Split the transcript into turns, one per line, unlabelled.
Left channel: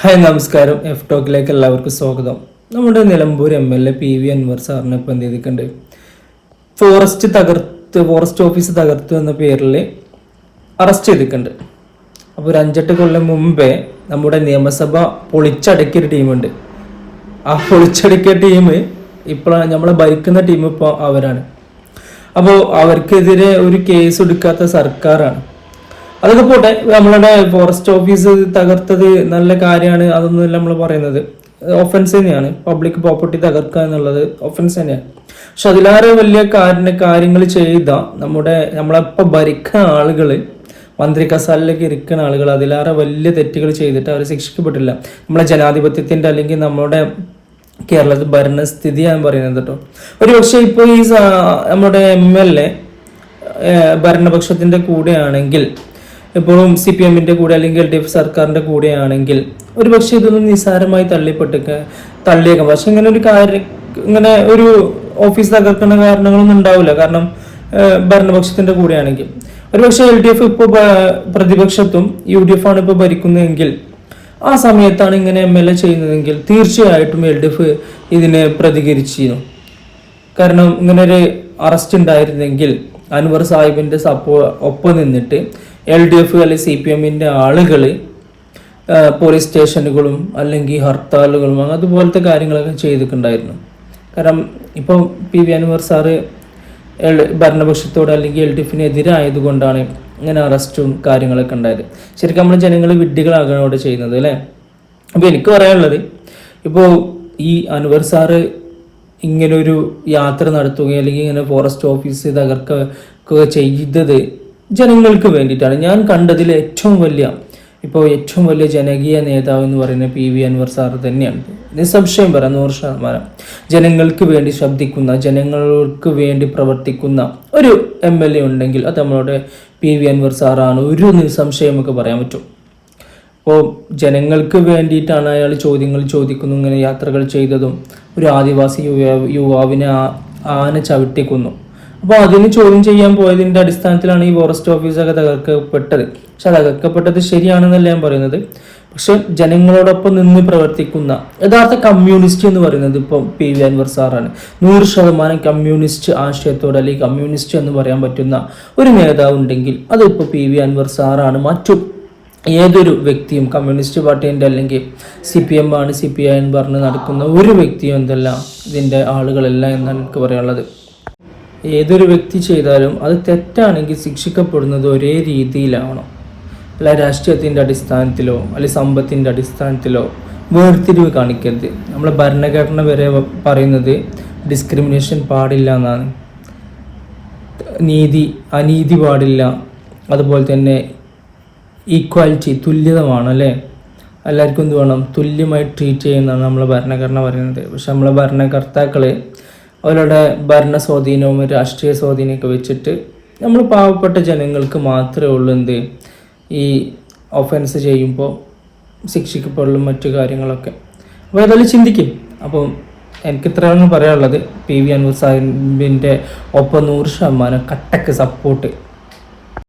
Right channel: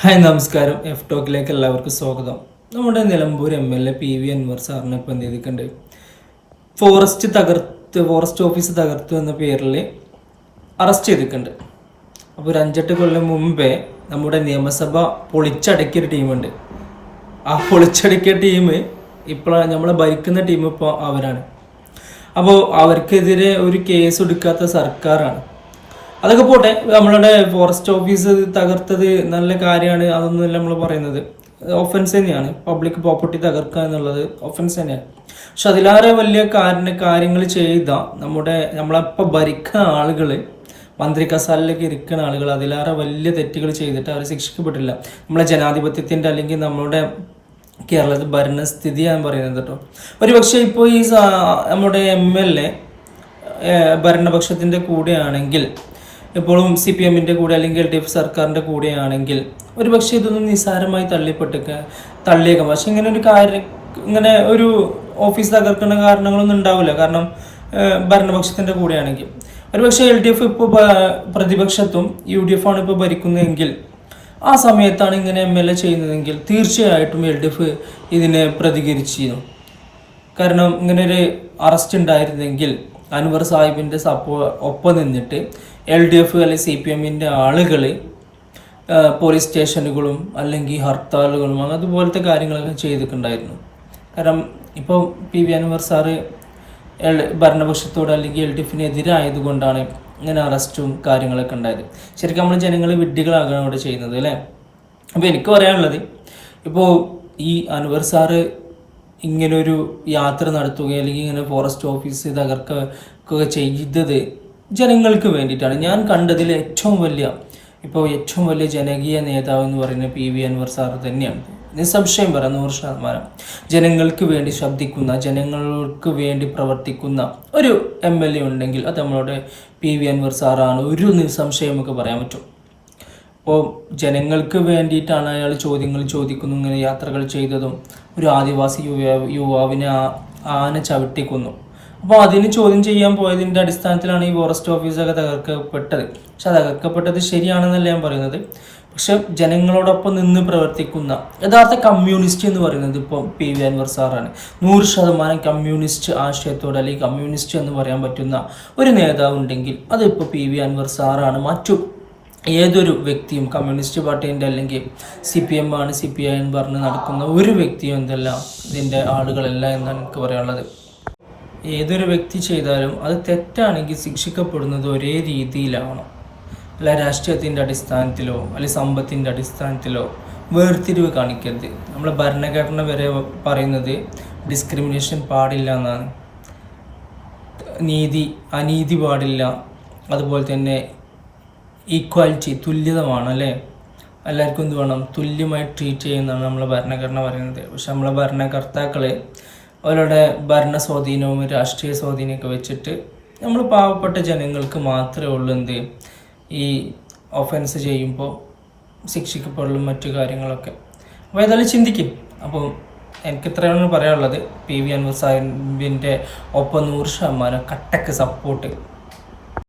Hi നമസ്കാരം. F ടോക്കിലേക്ക് എല്ലാവർക്കും സ്വാഗതം. നമ്മുടെ Nilambur M L A P V Anvar സാറിനെ ഇപ്പം ചെയ്തിട്ടുണ്ട്? ഫോറസ്റ്റ് തകർത്ത് ഫോറസ്റ്റ് ഓഫീസ് തകർത്തു എന്ന പേരിൽ അറസ്റ്റ് ചെയ്തിട്ടുണ്ട്. അപ്പോൾ ഒരു അഞ്ചെട്ട് കൊല്ലം മുമ്പേ നമ്മുടെ നിയമസഭ പൊളിച്ചടക്കിയ ഒരു ടീമുണ്ട്. ആ പൊളിച്ചടക്കിയ ടീം ഇപ്പോഴാണ് നമ്മളെ ഭരിക്കുന്ന ടീം ഇപ്പോൾ അവരാണ്. അപ്പോൾ അവർക്കെതിരെ ഒരു കേസ് എടുക്കാത്ത സർക്കാരാണ്. അതൊക്കെ പോട്ടെ. നമ്മളുടെ ഫോറസ്റ്റ് ഓഫീസ് തകർത്തത് നല്ല കാര്യമാണ്. അതൊന്നുമല്ല നമ്മൾ പറയുന്നത്. ഒഫൻസ് തന്നെയാണ്. പബ്ലിക് പ്രോപ്പർട്ടി തകർക്കുക എന്നുള്ളത് ഒഫൻസ് തന്നെയാണ്. പക്ഷെ അതിലേറെ വലിയ കാര്യ കാര്യങ്ങൾ ചെയ്ത നമ്മുടെ നമ്മളിപ്പോൾ ഭരിക്കുന്ന ആളുകൾ മന്ത്രി കസാലിലേക്ക് ഇരിക്കുന്ന ആളുകൾ അതിലേറെ വലിയ തെറ്റുകൾ ചെയ്തിട്ട് അവർ ശിക്ഷിക്കപ്പെട്ടില്ല. നമ്മളെ ജനാധിപത്യത്തിന്റെ അല്ലെങ്കിൽ നമ്മുടെ കേരളത്തിൽ ഭരണസ്ഥിതി ഞാൻ പറയുന്നത് കേട്ടോ. ഒരു പക്ഷേ ഇപ്പോൾ ഈ നമ്മുടെ എം എൽ എ ഭരണപക്ഷത്തിന്റെ കൂടെയാണെങ്കിൽ ഇപ്പോഴും സി പി എമ്മിന്റെ കൂടെ അല്ലെങ്കിൽ എൽ ഡി എഫ് സർക്കാരിന്റെ കൂടെയാണെങ്കിൽ ഒരു പക്ഷേ ഇതൊന്നും നിസ്സാരമായി തള്ളിപ്പെട്ടേക്ക് തള്ളിയേക്കാം. പക്ഷെ ഇങ്ങനെ ഒരു കാര്യം ഇങ്ങനെ ഒരു ഓഫീസ് തകർക്കുന്ന കാരണങ്ങളൊന്നും ഉണ്ടാവില്ല. കാരണം ഭരണപക്ഷത്തിന്റെ കൂടെയാണെങ്കിൽ ഒരു പക്ഷേ എൽ ഡി എഫ് ഇപ്പോൾ പ്രതിപക്ഷത്തും യു ഡി എഫ് ആണ് ഇപ്പോൾ ഭരിക്കുന്നതെങ്കിൽ ആ സമയത്താണ് ഇങ്ങനെ എം എൽ എ ചെയ്യുന്നതെങ്കിൽ തീർച്ചയായിട്ടും എൽ ഡി എഫ് ഇതിനെ പ്രതികരിച്ചിരുന്നു. കാരണം ഇങ്ങനെ ഒരു അറസ്റ്റ് ഉണ്ടായിരുന്നെങ്കിൽ അൻവർ സാഹിബിന്റെ സപ്പോ ഒപ്പം നിന്നിട്ട് എൽ ഡി എഫ് അല്ലെങ്കിൽ സി പി എമ്മിന്റെ ആളുകൾ പോലീസ് സ്റ്റേഷനുകളും അല്ലെങ്കിൽ ഹർത്താലുകളും അതുപോലത്തെ കാര്യങ്ങളൊക്കെ ചെയ്തിട്ടുണ്ടായിരുന്നു. കാരണം ഇപ്പോൾ പി വി അൻവർ സാറ് ഭരണപക്ഷത്തോട് അല്ലെങ്കിൽ എൽ ഡി എഫിന് എതിരായതുകൊണ്ടാണ് ഇങ്ങനെ അറസ്റ്റും കാര്യങ്ങളൊക്കെ ഉണ്ടായത്. ശരിക്കും നമ്മൾ ജനങ്ങൾ വിഡ്ഢികളാകാണ് ചെയ്യുന്നത് അല്ലേ? അപ്പോൾ എനിക്ക് പറയാനുള്ളത് ഇപ്പോൾ ഈ അൻവർ സാറ് ഇങ്ങനെ ഒരു യാത്ര നടത്തുക അല്ലെങ്കിൽ ഇങ്ങനെ ഫോറസ്റ്റ് ഓഫീസ് തകർക്കുക ചെയ്തത് ജനങ്ങൾക്ക് വേണ്ടിയിട്ടാണ്. ഞാൻ കണ്ടതിൽ ഏറ്റവും വലിയ ഇപ്പോൾ ഏറ്റവും വലിയ ജനകീയ നേതാവ് എന്ന് പറയുന്നത് പി വി അൻവർ സാർ തന്നെയാണ്. നിസ്സംശയം പറയാം നൂറ് ശതമാനം. ജനങ്ങൾക്ക് വേണ്ടി ശബ്ദിക്കുന്ന ജനങ്ങൾക്ക് വേണ്ടി പ്രവർത്തിക്കുന്ന ഒരു എം എൽ എ ഉണ്ടെങ്കിൽ അത് നമ്മളുടെ പി വി അൻവർ സാറാണ്. ഒരു നിസ്സംശയം നമുക്ക് പറയാൻ പറ്റും. അപ്പോൾ ജനങ്ങൾക്ക് വേണ്ടിയിട്ടാണ് അയാൾ ചോദ്യങ്ങൾ ചോദിക്കുന്നു ഇങ്ങനെ യാത്രകൾ ചെയ്തതും. ഒരു ആദിവാസി യുവാ- യുവാവിനെ ആന ചവിട്ടിക്കുന്നു. അപ്പോൾ അതിന് ചോദ്യം ചെയ്യാൻ പോയതിന്റെ അടിസ്ഥാനത്തിലാണ് ഈ ഫോറസ്റ്റ് ഓഫീസൊക്കെ തകർക്കപ്പെട്ടത്. പക്ഷെ തകർക്കപ്പെട്ടത് ശരിയാണെന്നല്ല ഞാൻ പറയുന്നത്. പക്ഷെ ജനങ്ങളോടൊപ്പം നിന്ന് പ്രവർത്തിക്കുന്ന യഥാർത്ഥ കമ്മ്യൂണിസ്റ്റ് എന്ന് പറയുന്നത് ഇപ്പോൾ പി വി അൻവർ സാറാണ്. നൂറ് ശതമാനം കമ്മ്യൂണിസ്റ്റ് ആശയത്തോട് അല്ലെങ്കിൽ കമ്മ്യൂണിസ്റ്റ് എന്ന് പറയാൻ പറ്റുന്ന ഒരു നേതാവ് ഉണ്ടെങ്കിൽ അതിപ്പോൾ പി വി അൻവർ സാറാണ്. മറ്റു ഏതൊരു വ്യക്തിയും കമ്മ്യൂണിസ്റ്റ് പാർട്ടീന്റെ അല്ലെങ്കിൽ സി പി എം ആണ് സി പി ഐ എന്ന് പറഞ്ഞ് നടക്കുന്ന ഒരു വ്യക്തിയും എന്തല്ല ഇതിന്റെ ആളുകളല്ല എന്നാണ് എനിക്ക് പറയാനുള്ളത്. ഏതൊരു വ്യക്തി ചെയ്താലും അത് തെറ്റാണെങ്കിൽ ശിക്ഷിക്കപ്പെടുന്നത് ഒരേ രീതിയിലാവണം. അല്ല രാഷ്ട്രീയത്തിന്റെ അടിസ്ഥാനത്തിലോ അല്ലെങ്കിൽ സമ്പത്തിന്റെ അടിസ്ഥാനത്തിലോ വേർതിരിവ് കാണിക്കരുത്. നമ്മൾ ഭരണഘടന വരെ പറയുന്നത് ഡിസ്ക്രിമിനേഷൻ പാടില്ല എന്നാണ്. നീതി അനീതി പാടില്ല. അതുപോലെ തന്നെ ഈക്വാലിറ്റി തുല്യത വേണം അല്ലേ? എല്ലാവർക്കും എന്ത് വേണം? തുല്യമായി ട്രീറ്റ് ചെയ്യുന്നതാണ് നമ്മളെ ഭരണഘടന പറയുന്നത്. പക്ഷെ നമ്മളെ ഭരണകർത്താക്കൾ അവരുടെ ഭരണ സ്വാധീനവും രാഷ്ട്രീയ സ്വാധീനമൊക്കെ വെച്ചിട്ട് നമ്മൾ പാവപ്പെട്ട ജനങ്ങൾക്ക് മാത്രമേ ഉള്ളൂ എന്ത്? ഈ ഒഫൻസ് ചെയ്യുമ്പോൾ ശിക്ഷിക്കപ്പെടലും മറ്റു കാര്യങ്ങളൊക്കെ. അപ്പോൾ ഏതായാലും ചിന്തിക്കും. അപ്പോൾ എനിക്ക് ഇത്രയൊന്നും പറയാനുള്ളത്. പി വി അൻവർ സാഹിബിന്റെ ഒപ്പം നൂറ് ശതമാനം കട്ടക്ക് സപ്പോർട്ട്